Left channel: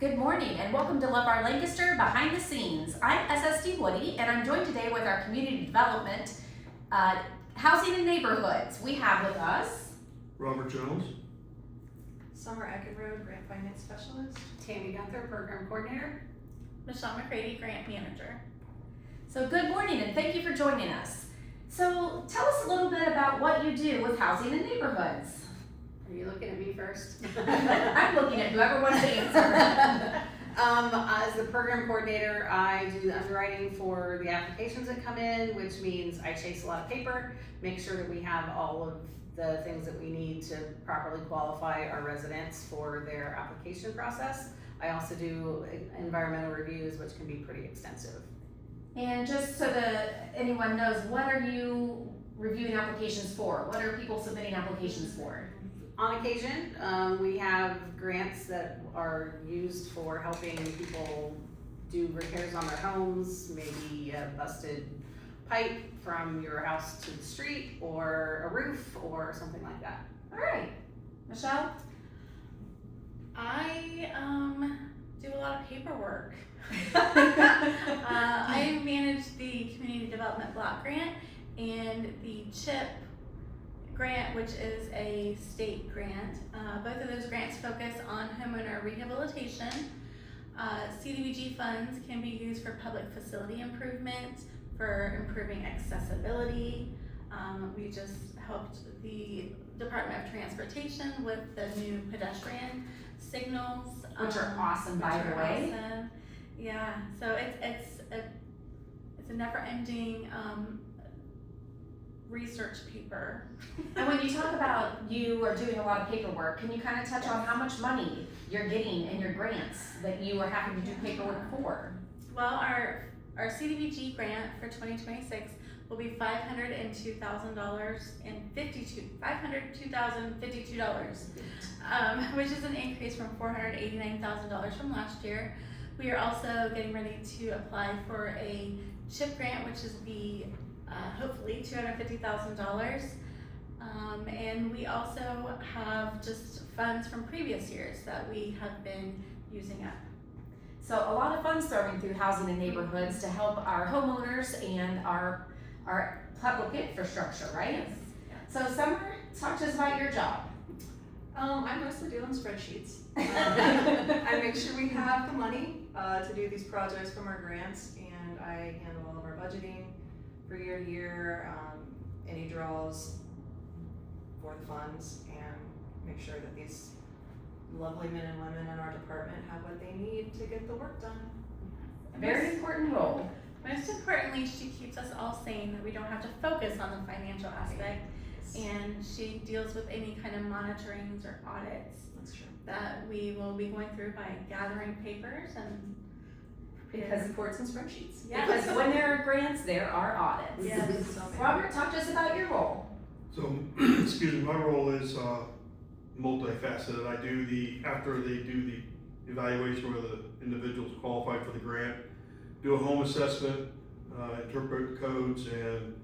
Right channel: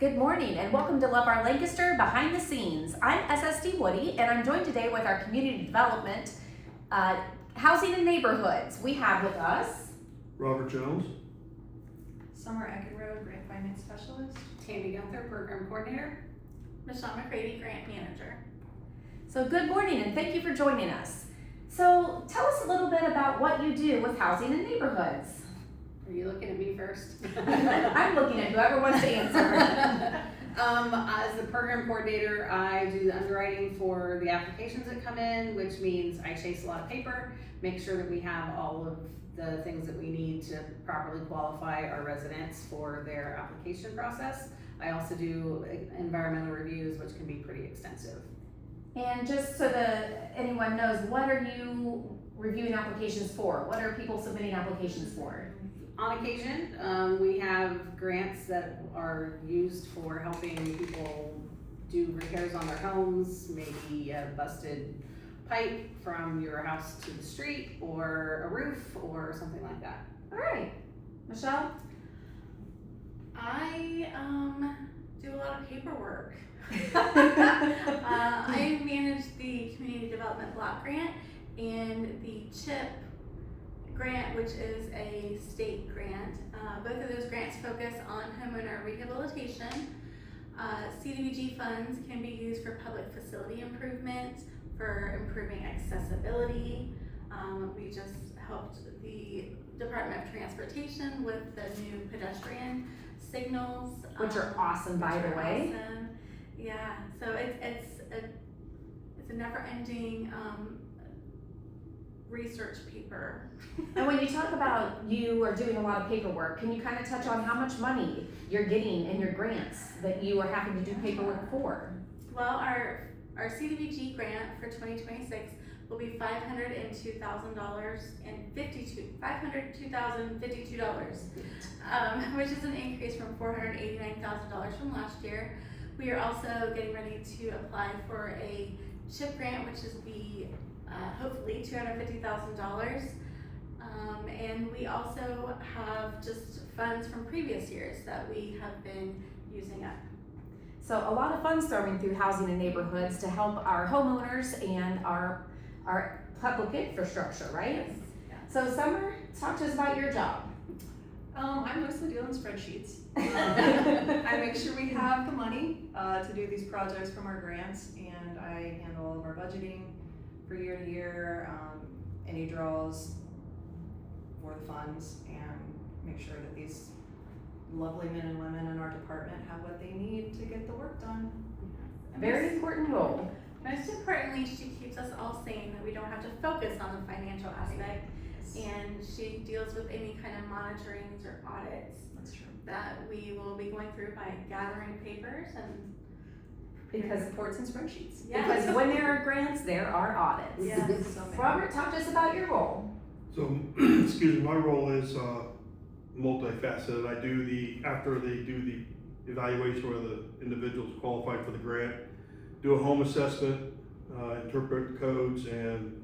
Good morning and welcome to Love Our Lancaster Behind the Scenes. I'm SSD Woody and I'm joined today with our community development, housing and neighborhoods. We have with us Robert Jones. Summer Eckenrode, Grant Finance Specialist. Tammy Gunther, Program Coordinator. Michelle McCready, Grant Manager. So good morning and thank you for joining us. So tell us a little bit about what you do with housing and neighborhoods. Are you looking at me first? I'm looking at whoever wants to answer. As the program coordinator, I do the underwriting for the applications that come in, which means I chase a lot of paper, make sure that we have all of the things that we need to properly qualify our residents for their application process. I also do environmental reviews, which can be pretty extensive. And just so that anyone knows, what are you reviewing applications for? What are people submitting applications for? On occasion, we have grants that are used for helping people do repairs on their homes, maybe a busted pipe from your house to the street, or a roof, or something like that. All right, Michelle? I do a lot of paperwork. I manage the Community Development Block Grant and the CHIP grant, which is a state grant. Both of those grants focus on homeowner rehabilitation. CDBG funds can be used for public facility improvements, for improving accessibility. We just helped the Department of Transportation with the new pedestrian signals. Which are awesome, by the way. Awesome. Yeah, so it's a never-ending research paper. And when you talk about you are doing a lot of paperwork, can you kind of touch on how much money you're getting in your grants that you are having to do paperwork for? Well, our CDBG grant for 2026 will be $502,052, which is an increase from $489,000 from last year. We are also getting ready to apply for a CHIP grant, which is the hopefully $250,000. And we also have just funds from previous years that we have been using up. So a lot of funds thrown through housing and neighborhoods to help our homeowners and our public infrastructure, right? Yes. So Summer, talk to us about your job. I mostly deal in spreadsheets. I make sure we have the money to do these projects from our grants, and I handle all of our budgeting for year to year, any draws for the funds, and make sure that these lovely men and women in our department have what they need to get the work done. Very important role. Most importantly, she keeps us all sane, that we don't have to focus on the financial aspect, and she deals with any kind of monitorings or audits That's true. that we will be going through by gathering papers and Because reports and spreadsheets. Because when there are grants, there are audits. Yes. So many. Robert, talk to us about your role. So, excuse me, my role is multifaceted. I do after they do the evaluation whether the individual's qualified for the grant, do a home assessment, interpret codes and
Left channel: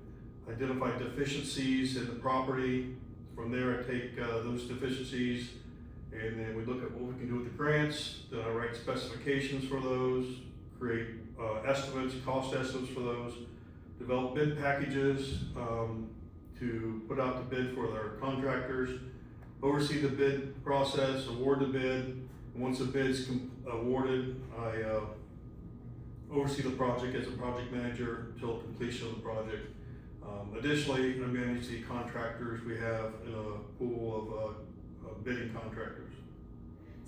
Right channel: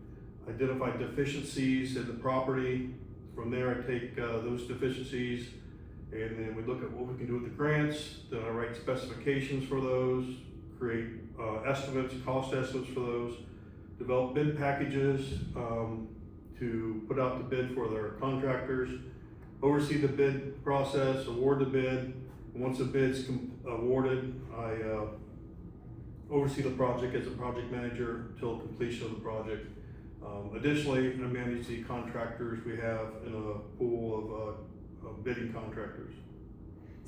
identify deficiencies in the property. From there I take those deficiencies and then we look at what we can do with the grants. Then I write specifications for those, create estimates, cost estimates for those, develop bid packages to put out the bid for their contractors, oversee the bid process, award the bid. And once the bid's awarded, I oversee the project as a project manager until completion of the project. Additionally, I manage the contractors we have in a pool of bidding contractors.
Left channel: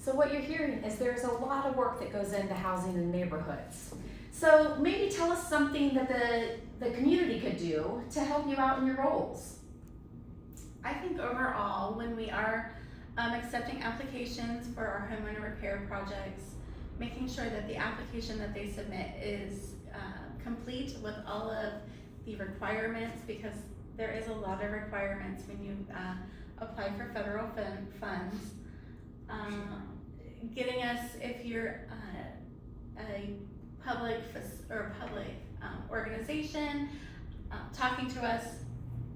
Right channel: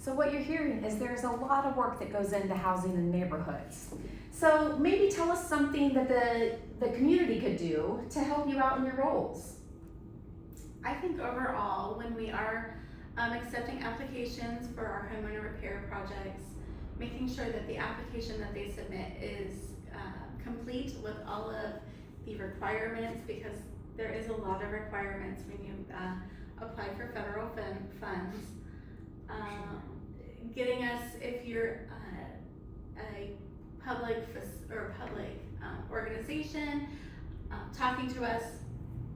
So what you're hearing is there's a lot of work that goes into housing and neighborhoods. So maybe tell us something that the community could do to help you out in your roles. I think overall, when we are accepting applications for our homeowner repair projects, making sure that the application that they submit is complete with all of the requirements, because there is a lot of requirements when you apply for federal funds. Getting us, if you're a public organization, talking to us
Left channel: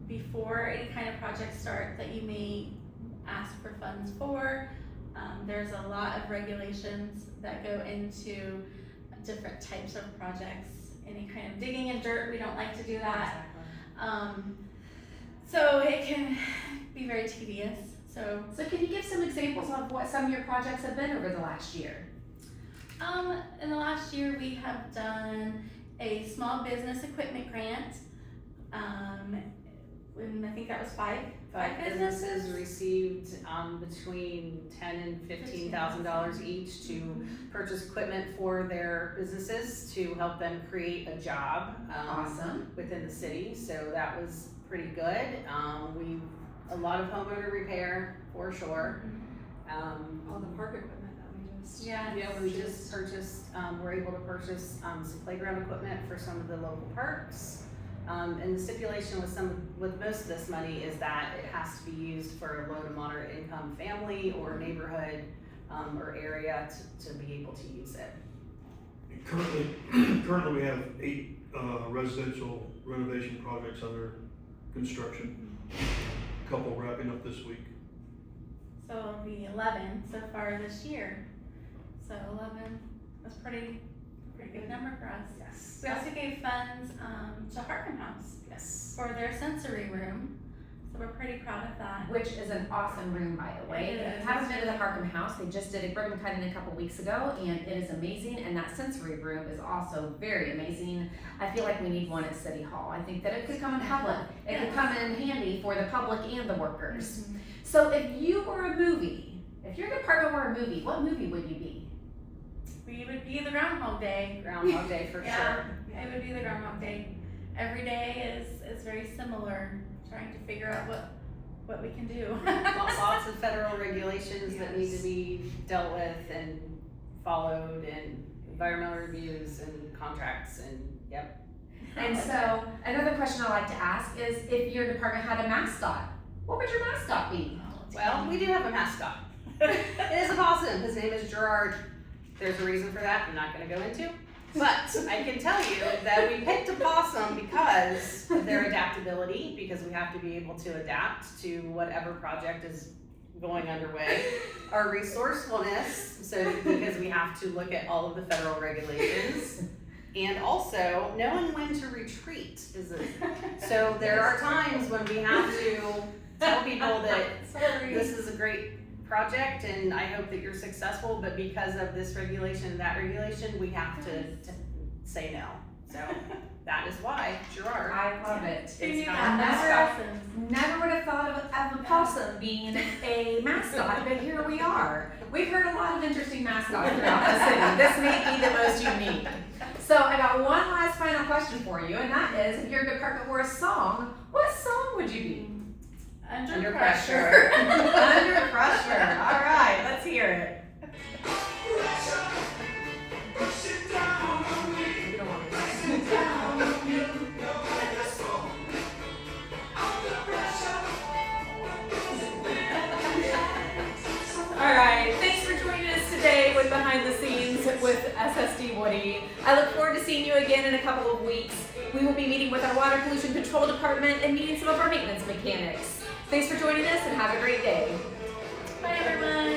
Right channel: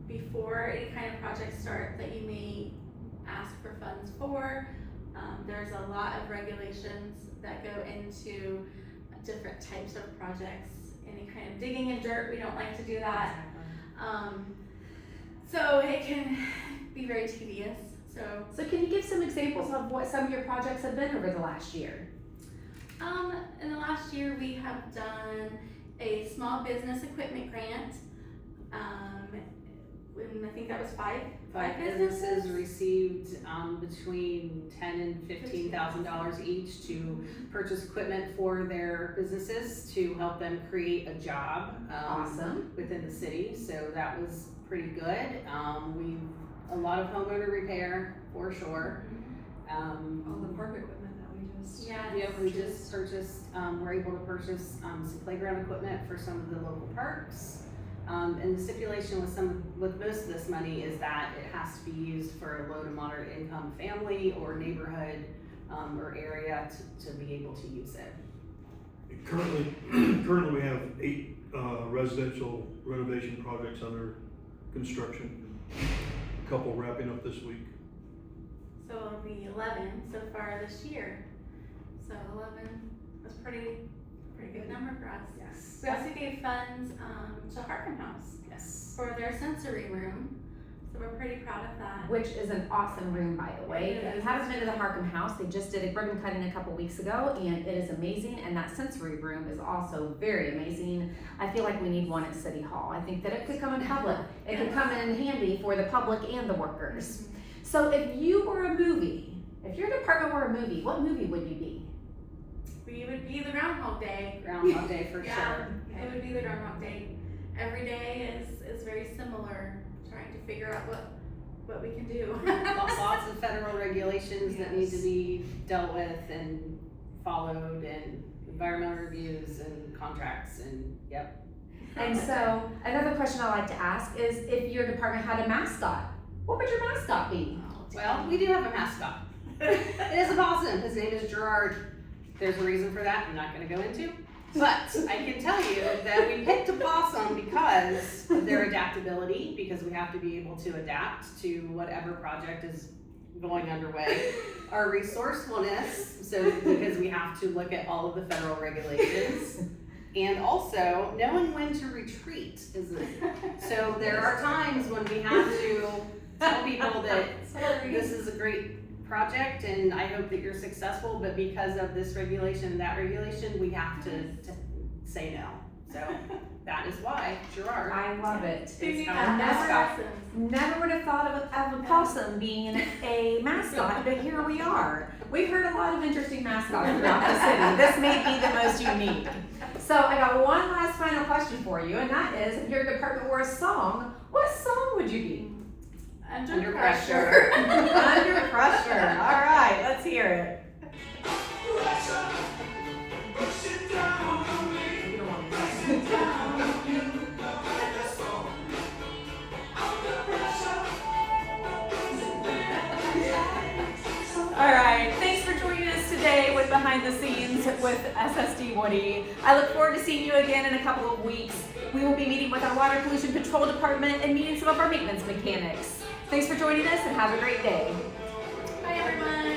before any kind of project start that you may ask for funds for, There's a lot of regulations that go into different types of projects. Any kind of digging in dirt, we don't like to do that. So it can be very tedious. So can you give some examples of what some of your projects have been over the last year? in the last year, we have done a small business equipment grant. And I think that was five Businesses received between $10,000 and $15,000 each to purchase equipment for their businesses to help them create a job Awesome. within the city. So that was pretty good. A lot of homeowner repair for sure. All the park equipment that we just. Yeah. We just purchased, we're able to purchase some playground equipment for some of the local parks. And the stipulation with most of this money is that it has to be used for a low to moderate income family or neighborhood or area to be able to use it. Currently we have 8 residential renovation projects under construction. A couple wrapping up this week. So it'll be 11 so far this year. So 11 was pretty good number for us. Yes. We also gave funds to Harkin House Yes. for their sensory room. So we're pretty proud of that. Which is an awesome room, by the way. It If you is. haven't been to the Harkham House, they just did a ribbon cutting a couple weeks ago, and it is amazing, and that sensory room is also very amazing. I feel like we need one at City Hall. I think that it could come in public, it could come in handy for the public and the workers. So if you were a movie, if your department were a movie, what movie would you be? We would be the Groundhog Day. Groundhog Day for Yeah, sure. it would be the Groundhog Day. Every day is very similar, trying to figure out what we can do. Lots of federal regulations that need to be dealt with and followed, and environmental reviews and contracts and yep. And so, another question I like to ask is if your department had a mascot, what would your mascot be? Well, we do have a mascot. It is a possum. His name is Gerard. There's a reason for that I'm not gonna go into. But I can tell you that we picked a possum because of their adaptability, because we have to be able to adapt to whatever project is going underway. Our resourcefulness, so because we have to look at all of the federal regulations. And also knowing when to retreat so there are times when we have to tell people that this is a great project and I hope that you're successful, but because of this regulation, that regulation, we have to say no. So that is why Gerard I love it. is I our mascot. never would have thought of a possum being a mascot, but here we are. We've heard a lot of interesting mascots throughout the city. This may be the most unique. So I got one last final question for you, and that is, if your department were a song, what song would you be? Under pressure. Under pressure. All right, let's hear it. All right, thanks for joining us today with Behind the Scenes with SSD Woody. I look forward to seeing you again in a couple of weeks. We will be meeting with our water pollution control department and meeting some of our maintenance mechanics. Thanks for joining us and have a great day. Bye everyone.